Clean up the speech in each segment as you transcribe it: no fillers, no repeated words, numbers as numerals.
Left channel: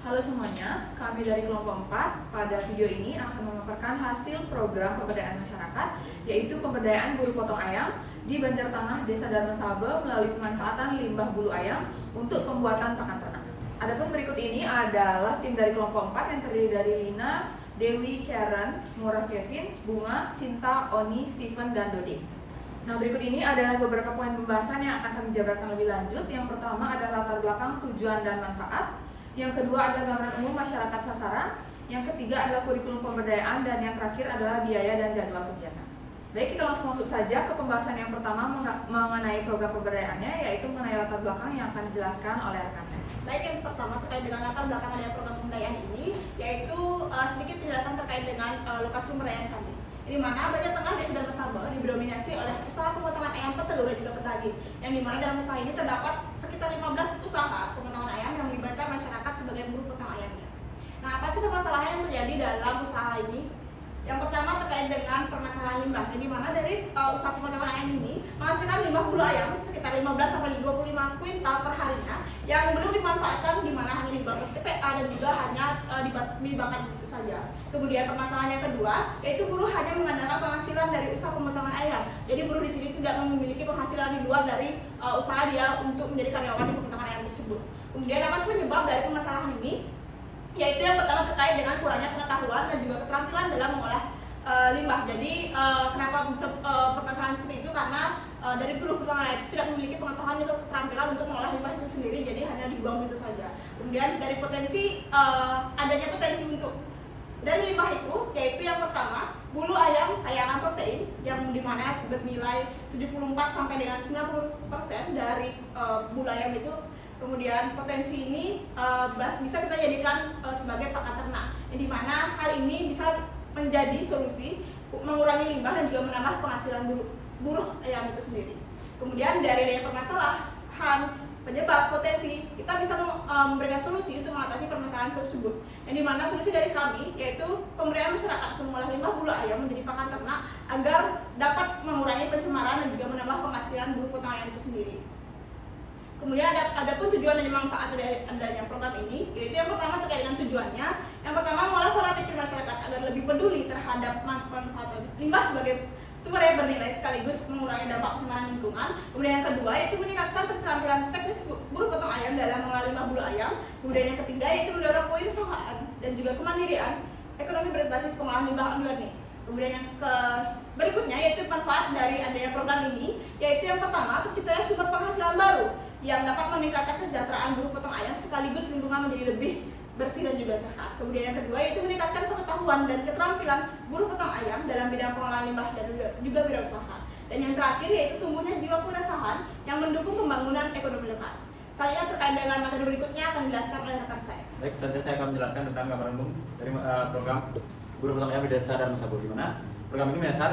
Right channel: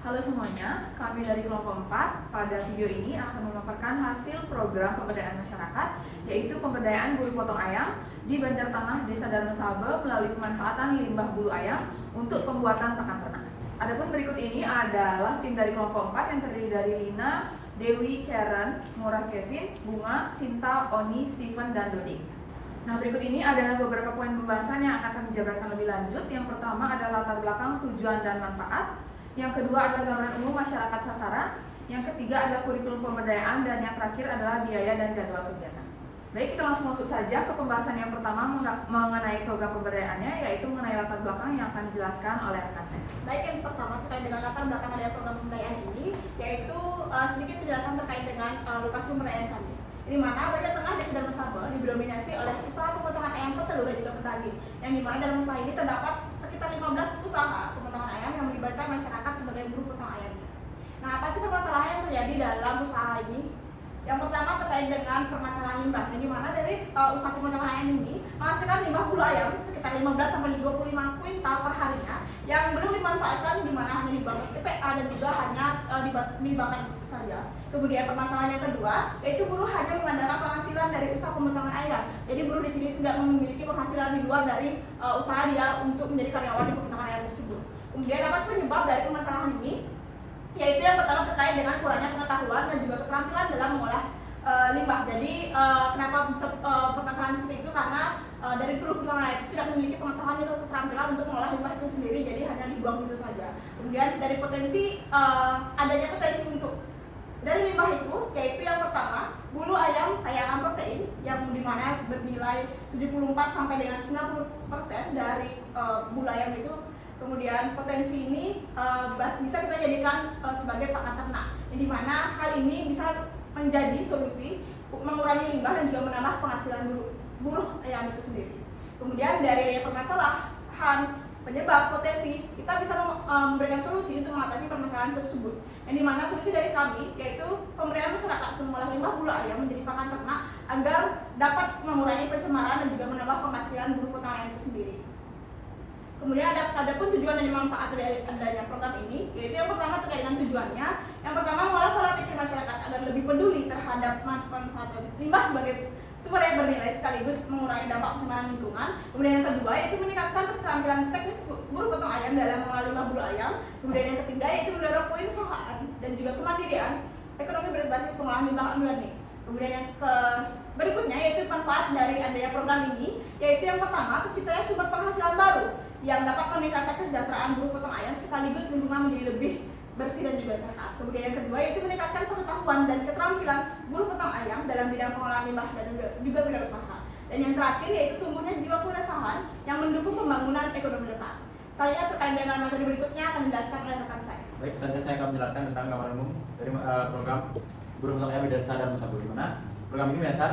Halo semuanya, kami dari kelompok 4 pada video ini akan memaparkan hasil program pemberdayaan masyarakat, yaitu pemberdayaan buru potong ayam di Banjartengah, Desa Darmasabe melalui pemanfaatan limbah bulu ayam untuk pembuatan pakan ternak. Adapun berikut ini adalah tim dari kelompok 4 yang terdiri dari Lina, Dewi, Karen, Murah, Kevin, Bunga, Sinta, Oni, Steven, dan Dodi. Nah, berikut ini adalah beberapa poin pembahasan yang akan kami jabarkan lebih lanjut. Yang pertama adalah latar belakang, tujuan, dan manfaat. Yang kedua adalah gambaran umum masyarakat sasaran. Yang ketiga adalah kurikulum pemberdayaan. Dan yang terakhir adalah biaya dan jadwal kegiatan. Baik, kita langsung masuk saja ke pembahasan yang pertama mengenai program pemberdayaannya, yaitu mengenai latar belakang yang akan dijelaskan oleh rekan saya. Baik, yang pertama terkait dengan latar belakang dari program pemberdayaan ini, yaitu sedikit penjelasan terkait dengan lokasi pemberdayaan kami. Di mana Banjartengah Desa Darmasabe didominasi oleh usaha pemotongan ayam petelur dan juga pedaging, yang dimana dalam usaha ini terdapat sekitar 15 usaha pemotongan ayam yang melibatkan masyarakat sebagai buruh potong ayamnya. Nah, apa sih permasalahan yang terjadi dalam usaha ini? Yang pertama terkait dengan permasalahan limbah, yang dimana dari usaha pemotongan ayam ini menghasilkan limbah bulu ayam sekitar 15-25 kuintal per harinya yang belum dimanfaatkan, dimana hanya dibangun TPA dan juga hanya dibakar itu saja. Kemudian permasalahan yang kedua yaitu buruh hanya mengandalkan penghasilan dari usaha pemotongan ayam. Jadi buruh di sini tidak memiliki penghasilan di luar dari usaha dia untuk menjadi karyawan di pemotongan ayam tersebut. Kemudian apa sih penyebab dari permasalahan ini? Yaitu yang pertama terkait dengan kurangnya pengetahuan dan juga keterampilan dalam mengolah limbah. Jadi kenapa bisa permasalahan seperti itu? Karena dari buruh potongan ayam itu tidak memiliki pengetahuan atau keterampilan untuk mengolah limbah itu sendiri, jadi hanya dibuang gitu saja. Kemudian dari potensi adanya potensi untuk dari limbah itu, yaitu yang pertama bulu ayam kaya akan protein yang dimana bernilai 74 sampai dengan 90% dari bulu ayam itu. Kemudian potensi ini bisa kita jadikan sebagai pakan ternak, yang dimana hal ini bisa menjadi solusi mengurangi limbah dan juga menambah penghasilan buruh ayam itu sendiri. Kemudian dari permasalahan penyebab potensi, kita bisa memberikan solusi untuk mengatasi permasalahan tersebut, yang dimana solusi dari kami yaitu pemberdayaan masyarakat mengolah limbah bulu ayam menjadi pakan ternak agar dapat mengurangi pencemaran dan juga menambah penghasilan buruh potong ayam itu sendiri. Kemudian ada pun tujuan dan manfaat dari adanya program ini, yaitu yang pertama terkait dengan tujuannya. Yang pertama, mengolah pola pikir masyarakat agar lebih peduli terhadap manfaat limbah sebagai sumber yang bernilai sekaligus mengurangi dampak pencemaran lingkungan. Kemudian yang kedua yaitu meningkatkan keterampilan teknis buruh potong ayam dalam mengolah limbah bulu ayam. Kemudian yang ketiga yaitu mendorong kewirausahaan dan juga kemandirian ekonomi berbasis pengolahan limbah organik. Kemudian yang berikutnya yaitu manfaat dari adanya program ini, yaitu yang pertama terciptanya sumber penghasilan baru yang dapat meningkatkan kesejahteraan buruh potong ayam sekaligus lingkungan menjadi lebih bersih dan juga sehat. Kemudian yang kedua yaitu meningkatkan pengetahuan dan keterampilan buruh potong ayam dalam bidang pengolahan limbah dan juga wirausaha. Dan yang terakhir yaitu tumbuhnya jiwa kewirausahaan yang mendukung pembangunan ekonomi depan. Selanjutnya terkait dengan materi berikutnya akan dijelaskan oleh rekan saya. Baik, selanjutnya saya akan menjelaskan tentang gambaran umum dari program buruh potong ayam di Desa Darmasabe, di mana program ini menyasar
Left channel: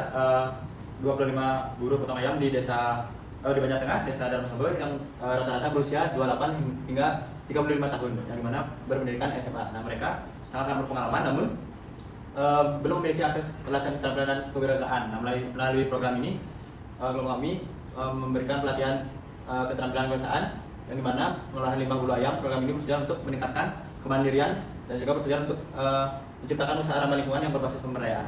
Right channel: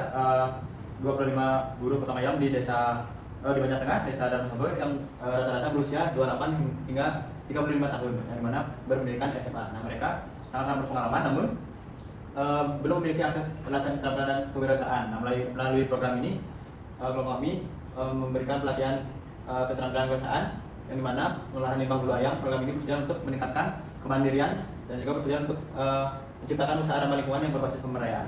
25 buruh potong ayam di desa di Banjartengah, Desa Darmasabe yang rata-rata berusia 28 hingga 35 tahun, yang dimana berpendidikan SMA. Nah, mereka sangat berpengalaman namun belum memiliki akses pelatihan keterampilan dan kewirausahaan. Nah, melalui program ini kelompok kami memberikan pelatihan keterampilan kewirausahaan, yang dimana pengolahan limbah bulu ayam. Program ini bertujuan untuk meningkatkan kemandirian dan juga bertujuan untuk menciptakan usaha ramah lingkungan yang berbasis pemberdayaan.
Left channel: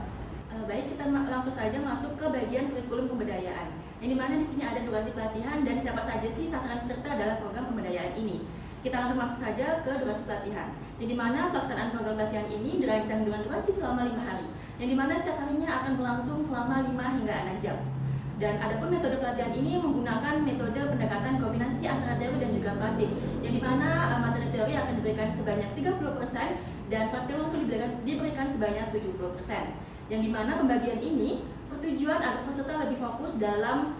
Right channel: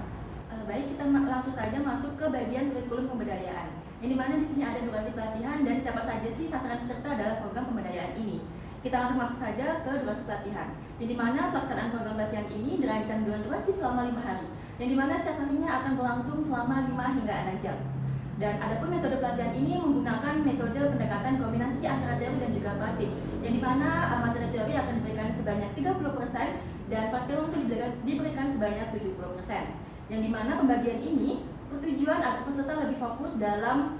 Baik, kita langsung saja masuk ke bagian kurikulum pemberdayaan, yang dimana di sini ada durasi pelatihan dan siapa saja sih sasaran peserta dalam program pemberdayaan ini. Kita langsung masuk saja ke durasi pelatihan, yang dimana pelaksanaan program pelatihan ini dirancang dengan durasi selama 5 hari, yang dimana setiap harinya akan berlangsung selama 5 hingga 6 jam. Dan adapun metode pelatihan ini menggunakan metode pendekatan kombinasi antara teori dan juga praktik, yang dimana materi teori akan diberikan sebanyak 30% dan praktik langsung diberikan sebanyak 70%. Yang dimana pembagian ini bertujuan agar peserta lebih fokus dalam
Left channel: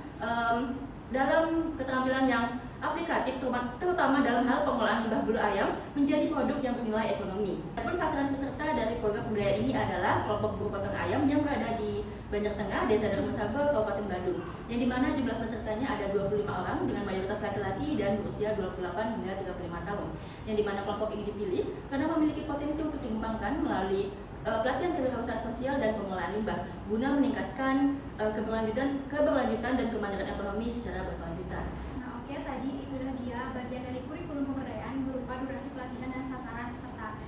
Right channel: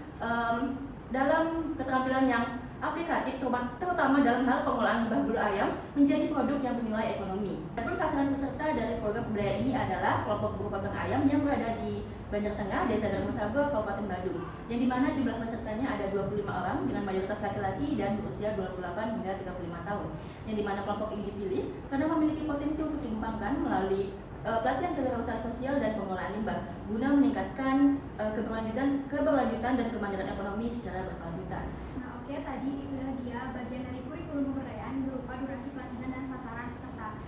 keterampilan yang aplikatif, terutama dalam hal pengolahan limbah bulu ayam menjadi produk yang bernilai ekonomi. Adapun sasaran peserta dari program pemberdayaan ini adalah kelompok buruh potong ayam yang berada di Banjartengah, Desa Darmasabe, Kabupaten Bandung, yang dimana jumlah pesertanya ada 25 orang dengan mayoritas laki-laki dan berusia 28 hingga 35 tahun. Yang dimana kelompok ini dipilih karena memiliki potensi untuk dikembangkan melalui pelatihan kewirausahaan sosial dan pengolahan limbah guna meningkatkan keberlanjutan dan kemandirian ekonomi secara berkelanjutan. Nah, oke, tadi itulah dia bagian dari kurikulum pemberdayaan berupa durasi pelatihan dan sasaran peserta.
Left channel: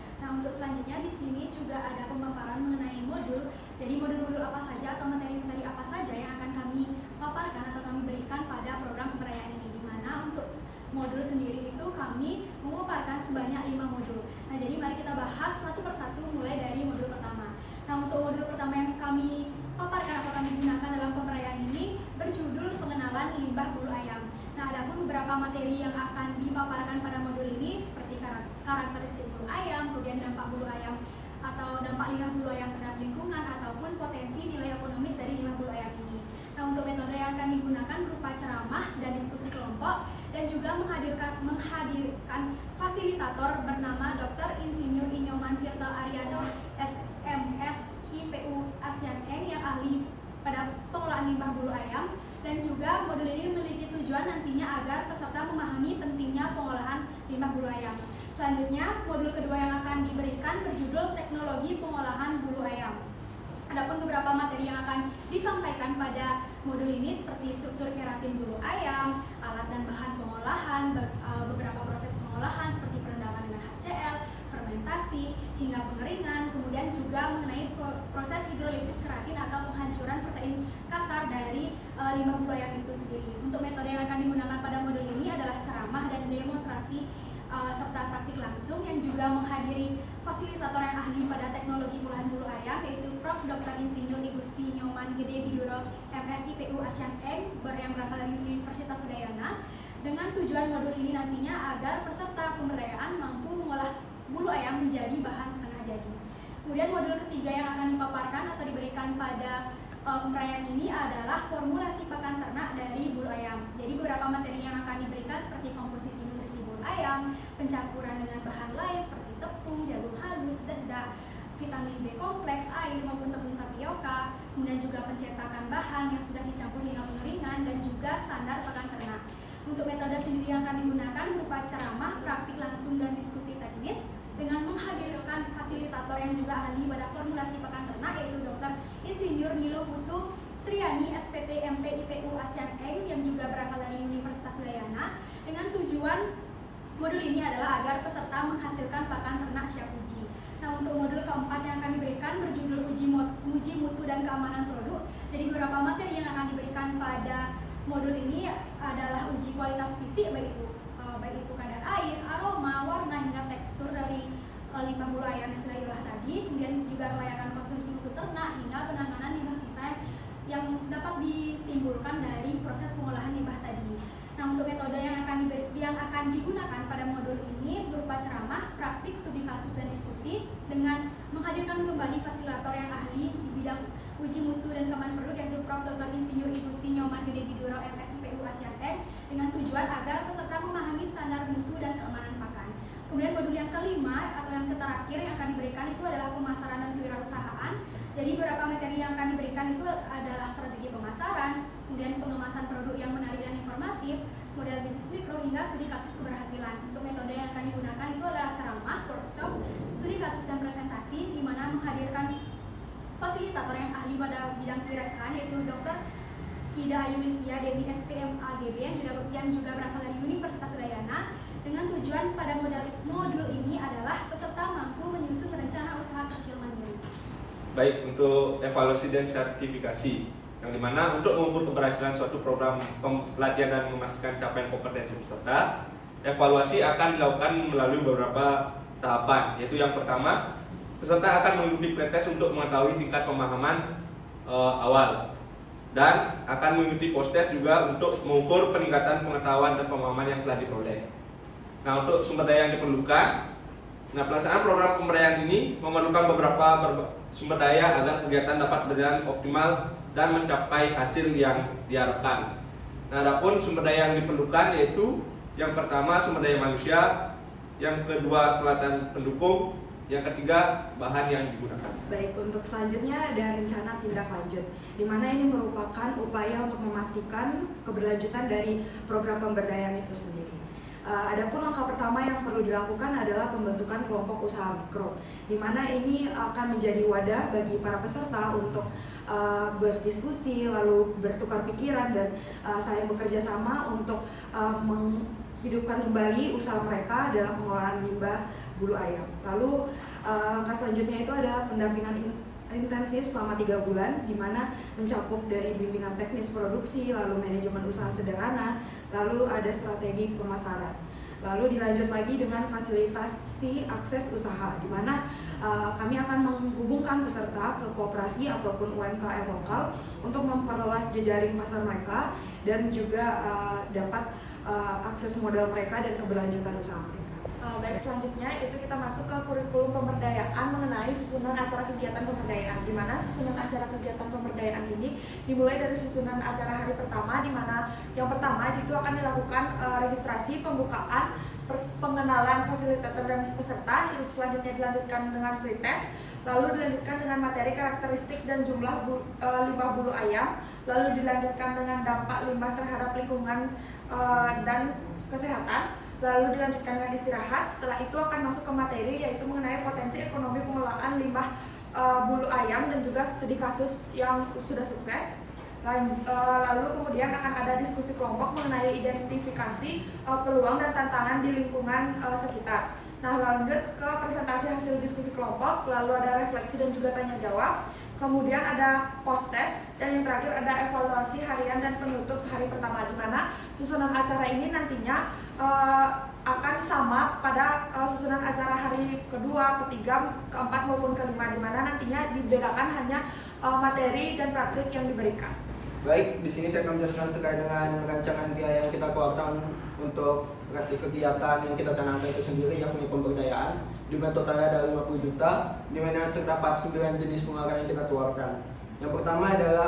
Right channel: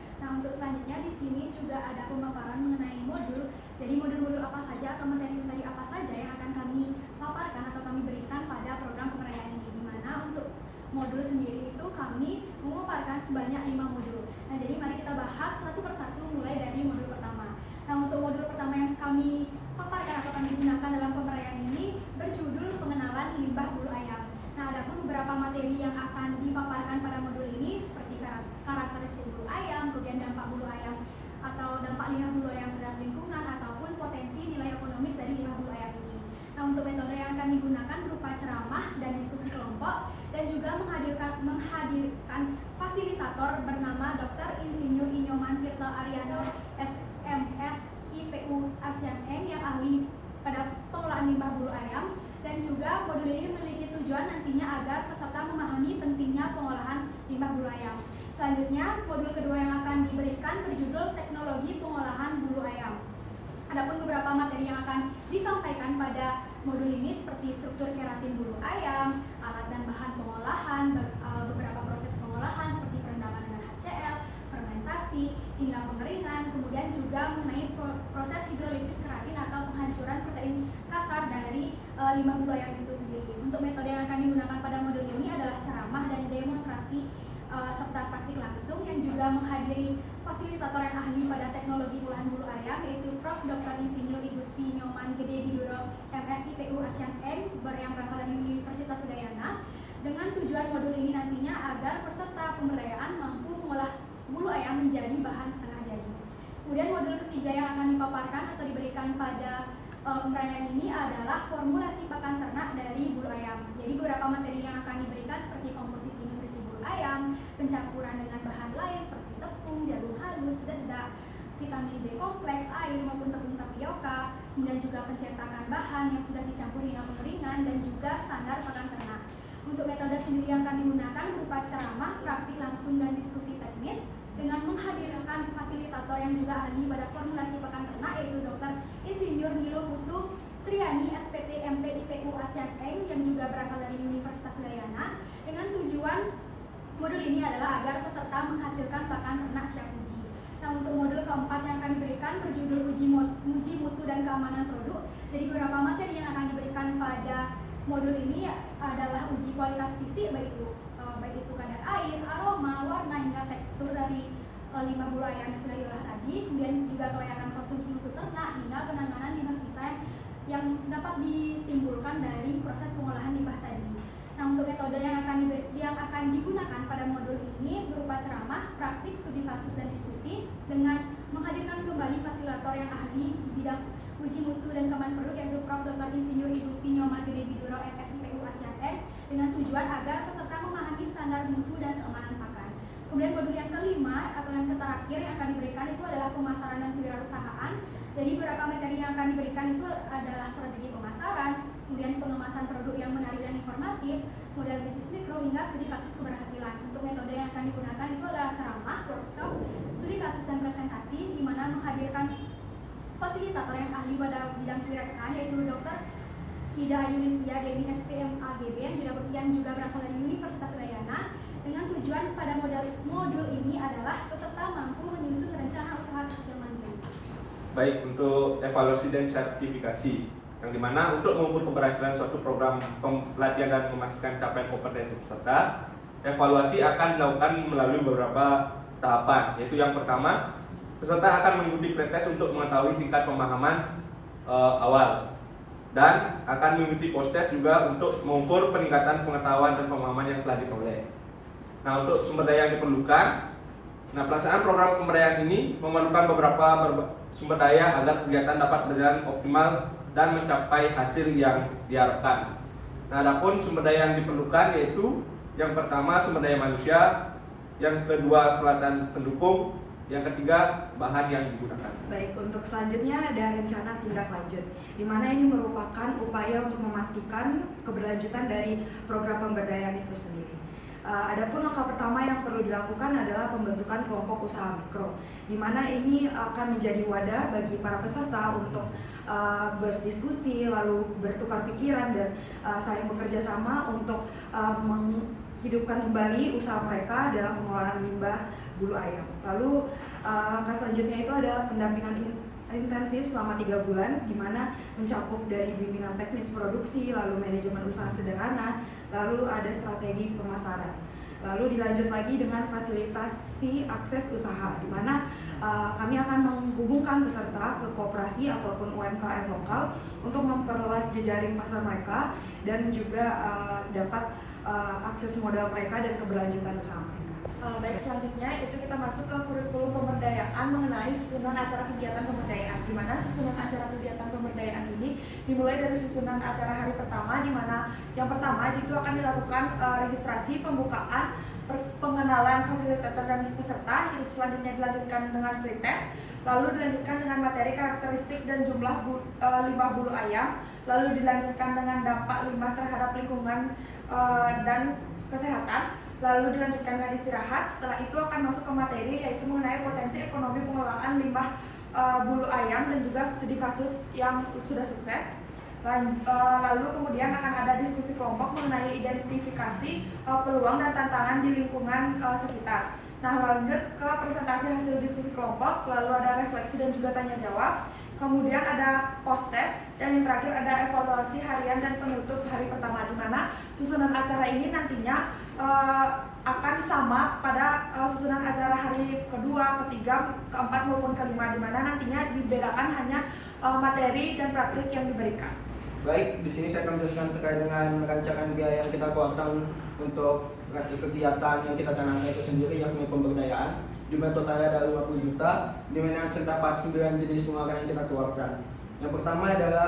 untuk selanjutnya di sini juga ada pemaparan mengenai modul. Jadi modul-modul apa saja atau materi-materi apa saja yang akan kami paparkan atau kami berikan pada program pemberdayaan ini. Di mana untuk modul sendiri itu kami memaparkan sebanyak 5 modul. Nah, jadi mari kita bahas satu persatu mulai dari modul pertama. Nah, untuk modul pertama yang kami paparkan atau kami gunakan dalam pemberdayaan ini berjudul pengenalan limbah bulu ayam. Nah, ada pun beberapa materi yang akan dipaparkan pada modul ini seperti karakteristik bulu ayam, kemudian dampak bulu ayam atau dampak limbah bulu ayam terhadap lingkungan ataupun potensi nilai ekonomis dari limbah bulu ayam ini. Nah, untuk metode yang akan digunakan berupa ceramah dan diskusi kelompok dan juga menghadirkan fasilitator bernama Dr. Insinyur Inyoman Tirta Ariano SMS IPU ASEAN Eng yang ahli pada pengelolaan limbah bulu ayam. Dan juga modul ini memiliki tujuan nantinya agar peserta memahami pentingnya pengolahan limbah bulu ayam. Selanjutnya, modul kedua yang akan diberikan berjudul teknologi pengolahan bulu ayam. Adapun beberapa materi yang akan disampaikan pada modul ini seperti struktur keratin bulu ayam, alat dan bahan pengolahan, beberapa proses pengolahan seperti perendaman dengan HCl, fermentasi, hingga pengeringan, kemudian juga mengenai proses hidrolisis keratin atau penghancuran protein kasar dari limbah bulu ayam itu sendiri. Untuk metode yang akan digunakan pada modul ini adalah ceramah dan demonstrasi serta praktik langsung yang juga menghadiri fasilitator yang ahli pada teknologi pengolahan bulu ayam yaitu Prof. Dr. Insinyur Igusti Nyoman Gede Biduro MSIPU ASEAN Eng yang berasal dari Universitas Udayana, dengan tujuan modul ini nantinya agar peserta pemberdayaan mampu mengolah bulu ayam menjadi bahan setengah jadi. Kemudian modul ketiga yang akan dipaparkan atau diberikan pada pemberdayaan ini adalah formulasi pakan ternak dari bulu ayam. Jadi beberapa materi yang akan diberikan seperti komposisi nutrisi bulu ayam, pencampuran dengan bahan lain seperti tepung, jagung halus, dedak, vitamin B kompleks, air maupun tepung tapioka, kemudian juga pencetakan bahan yang sudah dicampur hingga pengeringan, dan juga standar pakan ternak. Untuk metode sendiri yang akan digunakan berupa ceramah, praktik langsung, dan diskusi teknis dengan menghadirkan fasilitator yang juga ahli pada formulasi pakan ternak yaitu Dr. Insinyur Milo Putu Sriani SPT MP IPU ASEAN Eng yang juga berasal dari Universitas Udayana, dengan tujuan modul ini adalah agar peserta menghasilkan pakan ternak siap uji. Nah, untuk modul keempat yang akan diberikan berjudul uji mutu dan keamanan produk. Jadi beberapa materi yang akan diberikan pada modul ini adalah uji kualitas fisik baik itu kadar air, aroma, warna, hingga tekstur dari limbah bulu ayam yang sudah diolah tadi, kemudian juga kelayakan konsumsi untuk ternak hingga penanganan limbah sisa yang dapat ditimbulkan dari proses pengolahan limbah tadi. Nah, untuk metode yang akan digunakan pada modul ini berupa ceramah, praktik, studi kasus, dan diskusi dengan menghadirkan kembali fasilitator yang ahli di bidang uji mutu dan keamanan produk yaitu Prof. Dr. Insinyur Igusti Nyoman Gede Biduro MSIPU ASEAN Eng dengan tujuan agar peserta memahami standar mutu dan keamanan pakan. Kemudian modul yang kelima atau yang terakhir yang akan diberikan itu adalah pemasaran dan kewirausahaan. Jadi beberapa materi yang akan diberikan itu adalah strategi pemasaran, kemudian pengemasan produk yang menarik dan informatif, model bisnis mikro, hingga studi kasus keberhasilan. Untuk metode yang akan digunakan itu adalah ceramah, workshop, studi kasus, dan presentasi, di mana menghadirkan fasilitator yang ahli pada bidang kewirausahaan yaitu Dr. Ida Ayunistia Dewi SPM AGB yang juga berasal dari Universitas Udayana, dengan tujuan pada modul ini adalah peserta mampu menyusun rencana usaha kecil mandiri. Baik, untuk evaluasi dan sertifikasi, yang dimana untuk mengukur keberhasilan suatu program pelatihan dan memastikan capaian kompetensi peserta, evaluasi akan dilakukan melalui beberapa tahapan, yaitu yang pertama, peserta akan mengikuti pretest untuk mengetahui tingkat pemahaman awal, dan akan mengikuti post-test juga untuk mengukur peningkatan pengetahuan dan pemahaman yang telah diperoleh. Nah, untuk sumber daya yang diperlukan, pelaksanaan program pemberdayaan ini memerlukan beberapa sumber daya agar kegiatan dapat berjalan optimal dan mencapai hasil yang diharapkan. Nah, adapun sumber daya yang diperlukan yaitu yang pertama sumber daya manusia, yang kedua peralatan pendukung, yang ketiga bahan yang digunakan. Baik, untuk selanjutnya ada rencana tindak lanjut, di mana ini merupakan upaya untuk memastikan keberlanjutan dari program pemberdayaan itu sendiri. Adapun langkah pertama yang perlu dilakukan adalah pembentukan kelompok usaha mikro, di mana ini akan menjadi wadah bagi para peserta untuk berdiskusi, lalu bertukar pikiran dan saling bekerja sama untuk menghidupkan kembali usaha mereka dalam pengelolaan limbah bulu ayam. Lalu langkah selanjutnya itu ada pendampingan intensif selama 3 bulan, di mana mencakup dari bimbingan teknis produksi, lalu manajemen usaha sederhana, lalu ada strategi pemasaran. Lalu dilanjut lagi dengan fasilitasi akses usaha, di mana kami akan menghubungkan peserta ke koperasi ataupun UMKM lokal untuk memperluas jejaring pasar mereka dan juga dapat akses modal mereka dan keberlanjutan usaha mereka. Baik, selanjutnya itu kita masuk ke kurikulum pemberdayaan mengenai susunan acara kegiatan pemberdayaan, di mana susunan acara kegiatan pemberdayaan ini dimulai dari susunan acara hari pertama, di mana yang pertama itu akan dilakukan registrasi, pembukaan, pengenalan fasilitator dan peserta, selanjutnya dilanjutkan dengan pretest, lalu dilanjutkan dengan materi karakteristik dan jumlah limbah bulu ayam, lalu dilanjutkan dengan dampak limbah terhadap lingkungan dan kesehatan, lalu dilanjutkan dengan istirahat. Setelah itu akan masuk ke materi, yaitu mengenai potensi ekonomi pengelolaan limbah bulu ayam dan juga studi kasus yang sudah sukses. Lalu kemudian akan ada diskusi kelompok mengenai identifikasi peluang dan tantangan di lingkungan sekitar. Nah, lanjut ke presentasi hasil diskusi kelompok, lalu ada refleksi dan juga tanya jawab. Kemudian ada post test, dan yang terakhir ada evaluasi harian dan penutup hari pertama, di mana susunan acara ini nantinya akan sama pada susunan acara hari kedua, ketiga, keempat maupun kelima, di mana nantinya dibedakan hanya materi dan praktik yang diberikan. Baik, di sini saya akan menjelaskan terkait dengan rancangan biaya yang kita keluarkan untuk kegiatan yang kita canangkan itu sendiri, yakni pemberdayaan, di mana totalnya ada 50 juta, di mana terdapat 9 jenis penganggaran yang kita keluarkan. Yang pertama adalah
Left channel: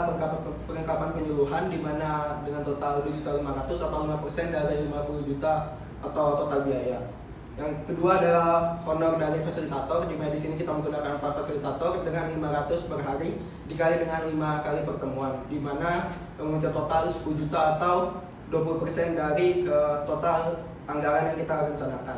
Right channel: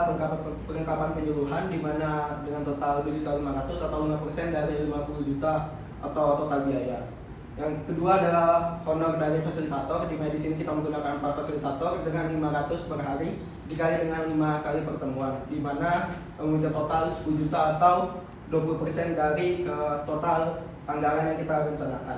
perlengkapan penyuluhan, di mana dengan total 2.500.000 atau 5% dari 50 juta atau total biaya. Yang kedua adalah honor dari fasilitator, di mana di sini kita menggunakan 4 fasilitator dengan 500 per hari dikali dengan 5 kali pertemuan, di mana mencapai total 10 juta atau 20% dari total anggaran yang kita rencanakan.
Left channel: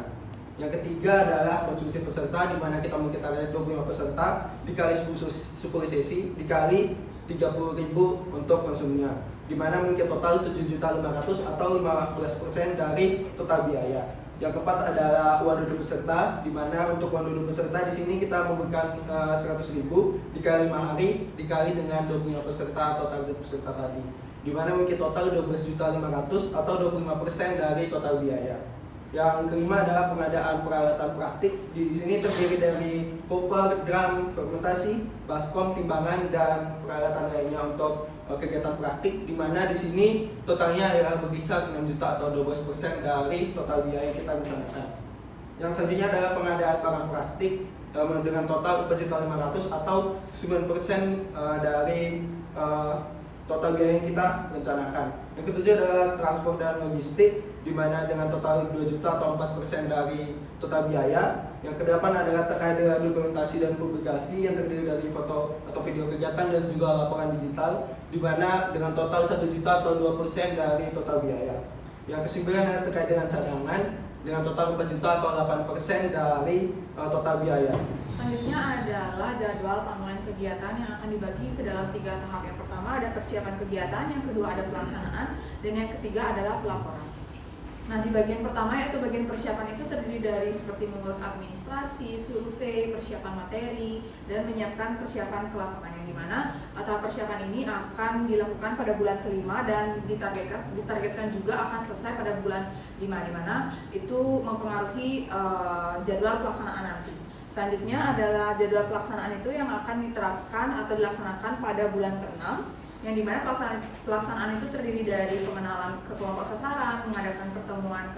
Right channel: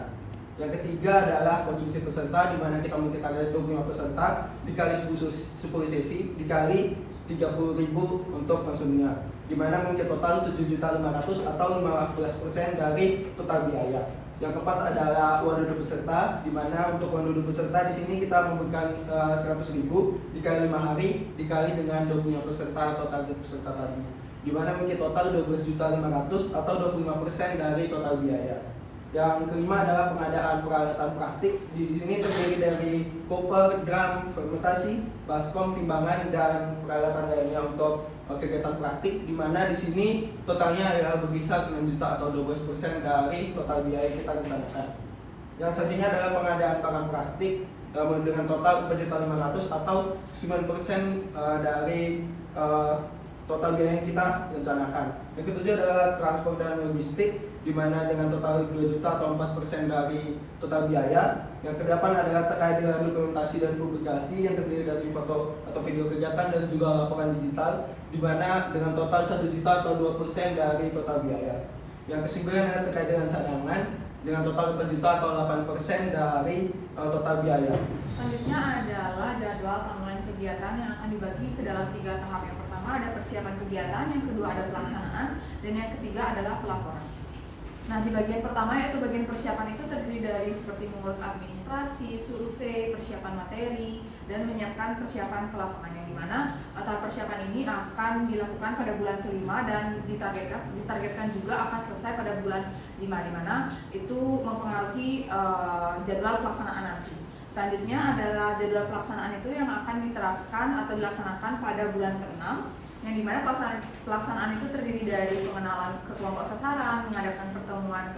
Yang ketiga adalah konsumsi peserta, di mana kita ada 25 peserta dikali 10 sesi dikali 30.000 untuk konsumnya, di mana mencapai total 7.500.000 atau 15% dari total biaya. Yang keempat adalah uang duduk peserta, di mana untuk uang duduk peserta di sini kita memberikan 100.000 dikali 5 hari dikali dengan 25 peserta atau target peserta tadi, di mana mencapai total 12.500.000 atau 25% dari total biaya. Yang kelima adalah pengadaan peralatan praktik. Di sini terdiri dari koper, drum, fermentasi, baskom, timbangan, dan peralatan lainnya untuk kegiatan praktik, di mana di sini totalnya adalah berkisar 6 juta atau 12% dari total biaya yang kita rencanakan. Yang selanjutnya adalah pengadaan barang praktik dengan total 4.500.000 atau 9% dari total biaya yang kita rencanakan. Yang ketujuh adalah transport dan logistik, di mana dengan total 2 juta atau 4% dari total biaya. Yang kedelapan adalah terkait dengan dokumentasi dan publikasi yang terdiri dari foto atau video kegiatan dan juga laporan digital, di mana dengan total 1 juta atau 2% dari total biaya. Yang kesembilan adalah terkait dengan cadangan dengan total 4 juta atau 8% dari total biaya. Selanjutnya adalah jadwal timeline kegiatan yang akan dibagi ke dalam 3 tahap. Yang pertama ada persiapan kegiatan, yang kedua ada pelaksanaan, dan yang ketiga adalah pelaporan. Nah, di bagian pertama yaitu bagian persiapan itu terdiri dari seperti mengurus administrasi, survei, persiapan materi, dan menyiapkan persiapan ke lapangan, yang dimana tahap persiapan ini akan dilakukan pada bulan kelima dan ditargetkan juga akan selesai pada bulan 5, dimana itu mempengaruhi jadwal pelaksanaan nanti. Selanjutnya adalah jadwal pelaksanaan itu yang akan diterapkan atau dilaksanakan pada bulan ke-6, yang dimana pelaksanaan itu terdiri dari pengenalan ke kelompok sasaran, mengadakan pertemuan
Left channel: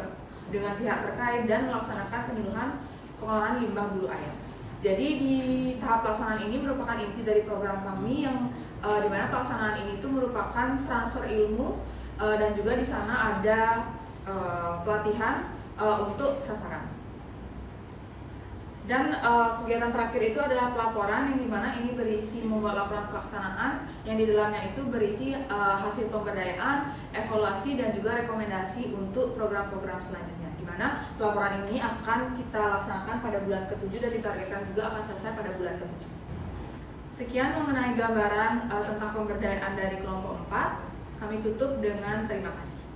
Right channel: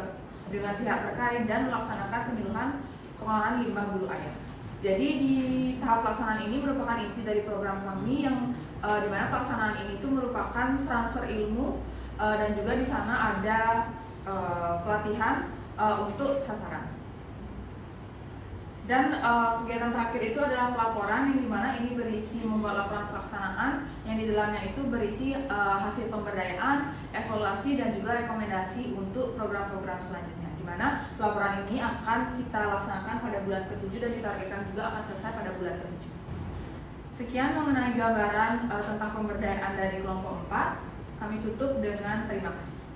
dengan pihak terkait, dan melaksanakan penyuluhan pengolahan limbah bulu ayam. Jadi di tahap pelaksanaan ini merupakan inti dari program kami, yang dimana pelaksanaan ini itu merupakan transfer ilmu dan juga di sana ada pelatihan untuk sasaran. Dan kegiatan terakhir itu adalah pelaporan, yang dimana ini berisi membuat laporan pelaksanaan yang di dalamnya itu berisi hasil pemberdayaan, evaluasi, dan juga rekomendasi untuk program-program selanjutnya, dimana pelaporan ini akan kita laksanakan pada bulan ke-7 dan ditargetkan juga akan selesai pada bulan ke-7. Sekian mengenai gambaran tentang pemberdayaan dari kelompok 4. Kami tutup dengan terima kasih.